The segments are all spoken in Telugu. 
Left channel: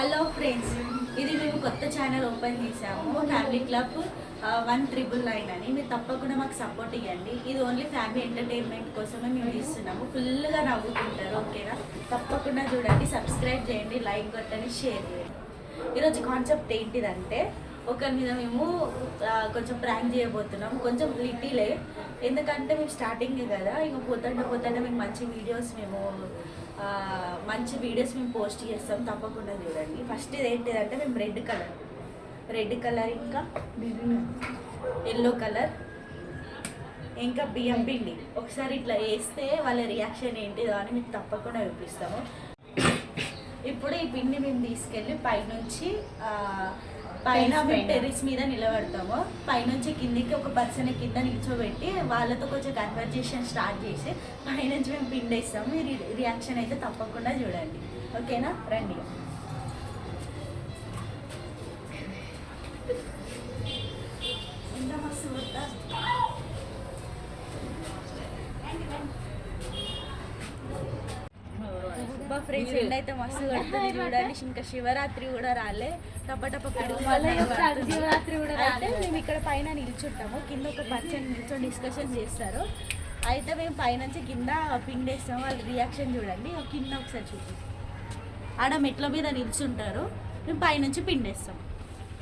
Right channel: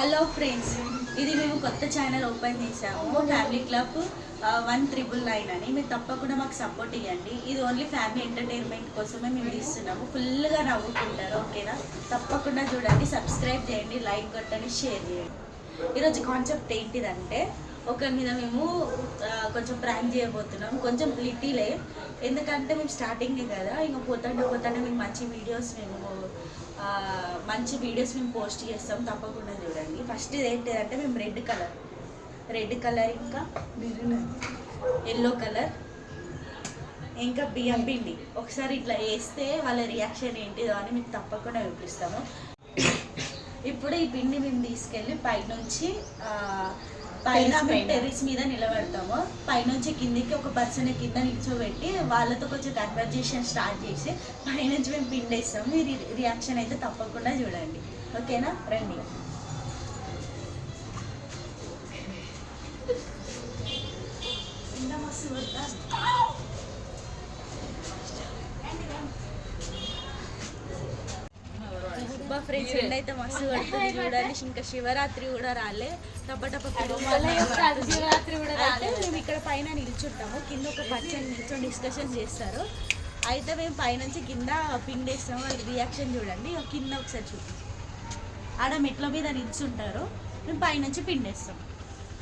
హలో ఫ్రెండ్స్, ఇది మేము కొత్త ఛానల్ ఓపెన్ చేసాము, ఫ్యామిలీ క్లబ్ 1999 అని. మీరు తప్పకుండా మాకు సపోర్ట్ ఇవ్వండి. ఇది ఓన్లీ ఫ్యామిలీ ఎంటర్టైన్మెంట్ కోసమే మేము ఇస్తున్నాము. ఫుల్గా నవ్వుకుంటారు, ఓకేనా? తప్పకుండా చూడండి, సబ్స్క్రైబ్ చేయండి, లైక్ కొట్టండి, షేర్ చేయండి. ఈరోజు కాన్సెప్ట్ ఏంటిదంటే, ఒకరి మీద మేము కొంచెం ప్రాంక్ చేయబోతున్నాం. కొంచెం లిటిలే, ఎందుకంటే మేము స్టార్టింగే కదా. ఇంకా పోతుంటే మేము మంచి వీడియోస్ మేము పోస్ట్ చేస్తాం. తప్పకుండా చూడండి. ఫస్ట్ ఇది ఏంటిదంటే, మేము రెడ్ కలర్ ఇంకా ఎల్లో కలర్ ఇంకా బియ్యం పిండి ఒకసారి ఇట్లా వేస్తే వాళ్ళ రియాక్షన్ ఏంటిదో అని మీకు తప్పకుండా చూపిస్తాము. ఇప్పుడు ఈ పిండి మేము తీసుకెళ్ళి పైన టెర్రస్ మీద నిలబెడతాము. పైనుంచి కిందికి ఒక పర్సన్ కింద నిల్చోబెట్టి వాళ్ళతో కొంచెం కన్వర్జేషన్ స్టార్ట్ చేసి పైనుంచి మేము పిండేస్తాము. మీరు రియాక్షన్ అయితే తప్పకుండా చూడండి, ఓకేనా? రండి. ఫ్రెండ్స్, ఎండ్ అయితే మస్తు పడుతుంది చూడండి. ఇంకా శివరాత్రి కూడా రాలే, టపటప పిడుగు అయితే మేము ఇక్కడ పైన నిల్చుంటాము. కింద ఒక పర్సన్ నిల్చొని డిస్కషన్ చేస్తారు. అయితే మేము పైనుంచి కింద పిండేస్తాము. వాళ్ళ రియాక్షన్ చూడండి. కింద ఒకసారి చూపిస్తాం. ఆడ మెట్ల మీద నిల్చుంటారు, మేము పైనుంచి పిండేస్తాం.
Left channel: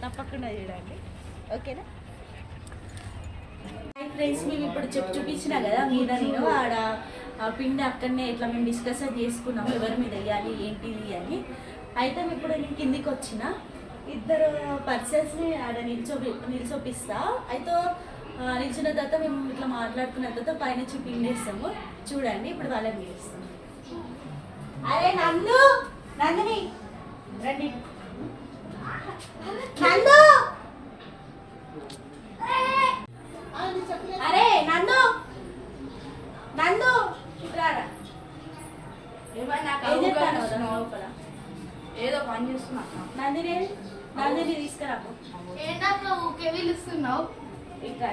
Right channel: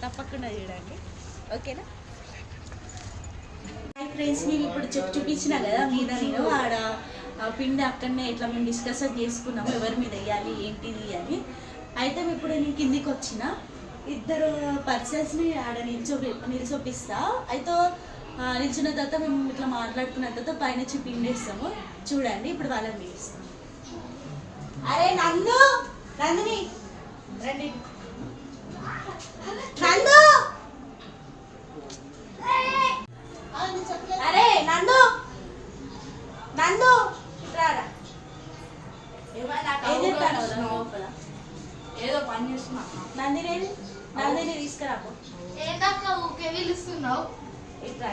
తప్పకుండా చూడండి, ఓకేనా? ఫ్రెండ్స్, మేము ఇప్పుడు చూపించిన కదా మీద నేను ఆడ పిండి అక్కడనే ఇట్లా మేము డిస్కషన్ చేసుకున్నాము ఎవరి మీద వేయాలి ఏంటిది అని. అయితే ఇప్పుడు నేను కిందికి వచ్చిన ఇద్దరు పర్సన్స్ని ఆడ నిల్చోపిస్తా. అయితే నిల్చిన తర్వాత మేము ఇట్లా మాట్లాడుకున్న తర్వాత పైనుంచి పిండేస్తాము. చూడండి, ఇప్పుడు వాళ్ళని పిలుస్తాం. అరే నందిని రండి. అరే నందు ఏదో పని చేస్తున్నా. నందిని తీసుకురాకు. ఊకే పిలుస్తున్నావు. ఇట్లా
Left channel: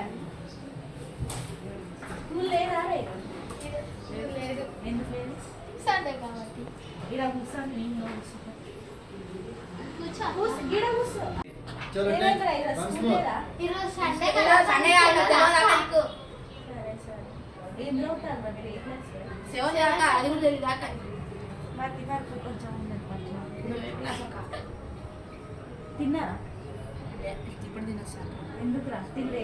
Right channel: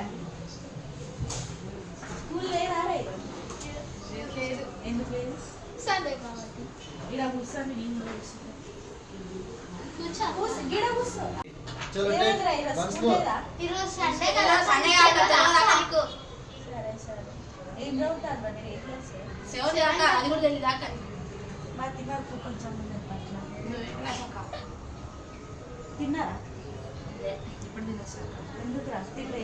స్కూల్ లేదా? లేదు. ఎందుకు లేదు? సండే కాబట్టి ఇలా కూర్చొని నేను కూర్చుంటా. ఏం చదువుతారు మధ్య వరకు కొంచెం ఉండదు పట్ల. తిన్నారా? ఇప్పుడు తినొచ్చాక. ఎందుకు రా తింటే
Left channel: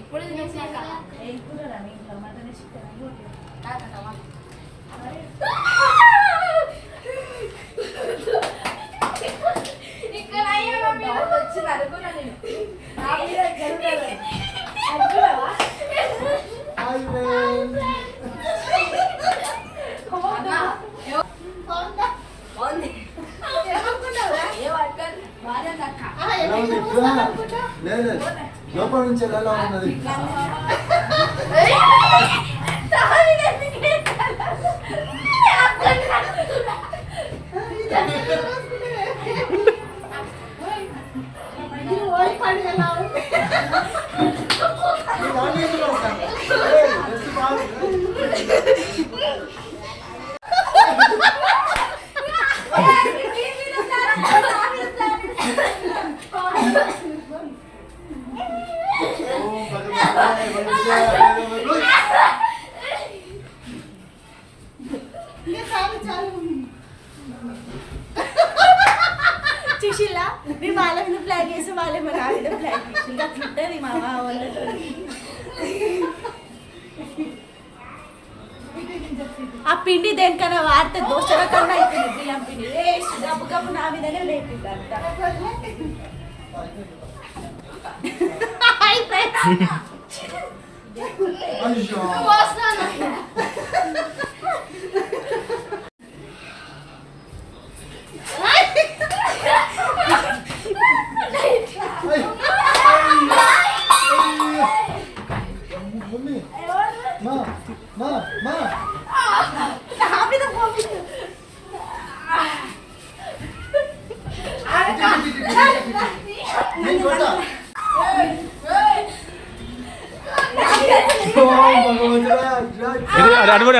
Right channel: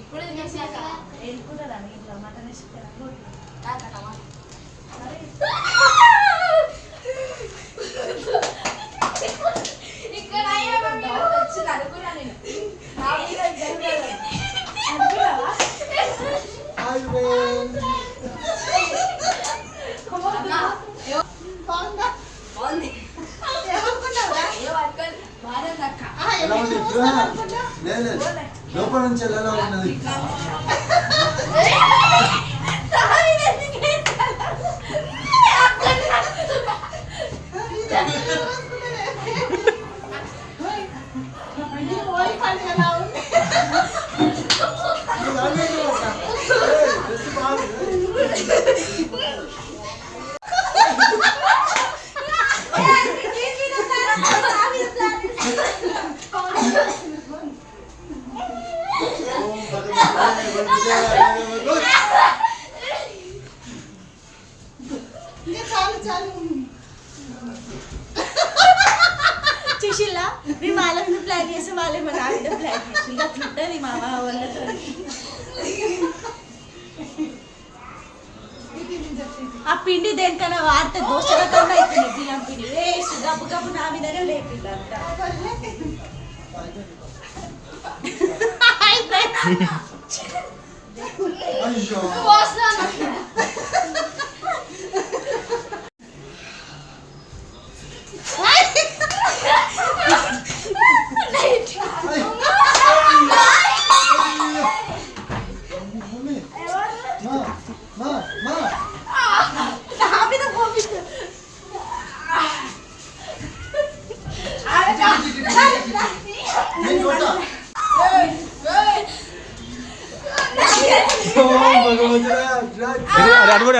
ఇప్పుడు తినేసాక ఎందుకున్నారా? ఇంట్లో మటన్ వేసుకుంటారా? ఇక్కడ డౌట్ వచ్చింది అనుకున్నా నేను. అనుకున్నావా? లోపల నుంచి ఎలా ఉన్నది? చూసిల్లా, మేము వాళ్ళ మీద ప్లాన్ చేసి వాళ్ళే మా నా మీద ప్లాన్ చేసి అట్లుంటుంది మా వాళ్ళతో. ఆ పిండి దేనికైనా వాడితే దోషల కన్నా అవుతుంది. బియ్యం పిండి వేస్ట్ గబ్బు గబ్బు నా మీదనే లేపిందంట. అడుగు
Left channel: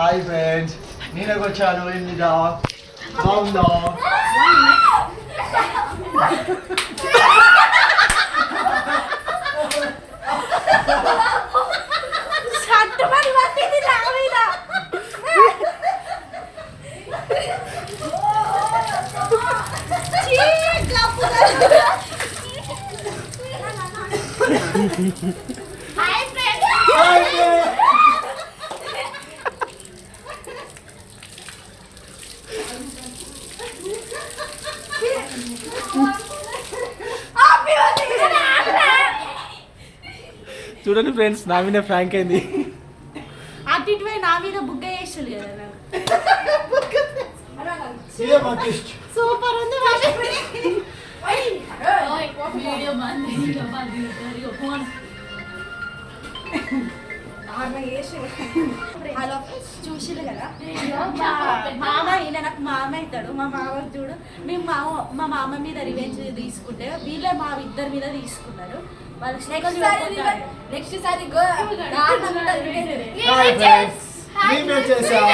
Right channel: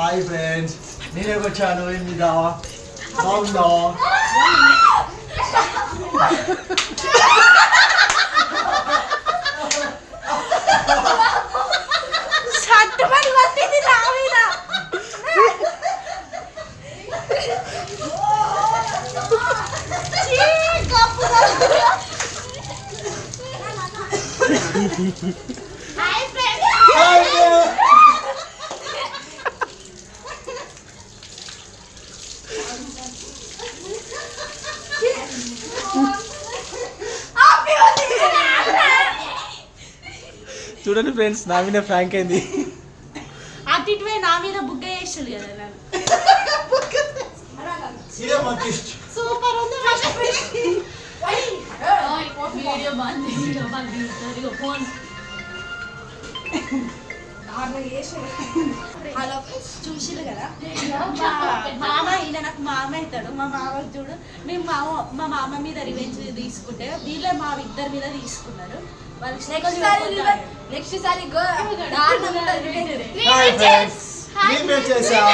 హాయ్ ఫ్రెండ్స్, నేనకు వచ్చాను. ఏంటిదా బాగుందా? చట్టమని పట్టింది నా మీద. చీ, గప్పు గప్పు. Hi friends hi friends. చూడండి ఫ్రెండ్స్, నా మీద ఫ్రాంక్ అయింది. అటు ఇటువై నా మీద బుగ్గ చేసాడు కదా నన్ను. సీఏ మకిష్. సూపర్ ఉంది. వీడియో బాగుంది ఫోన్ హలో చూసిరు కదా, మామ ఈయన నాకు మామ అవుతాడు. మా మామ చూడు, మేము మా మామ మీద రివెంజ్ తీసుకుంటే వీళ్ళే మా ఇద్దరి మీద తీసుకున్నారు. వాళ్ళకి నెక్స్ట్ సారి గో హాయ్ ఫ్రెండ్స్, మేము చేసాం.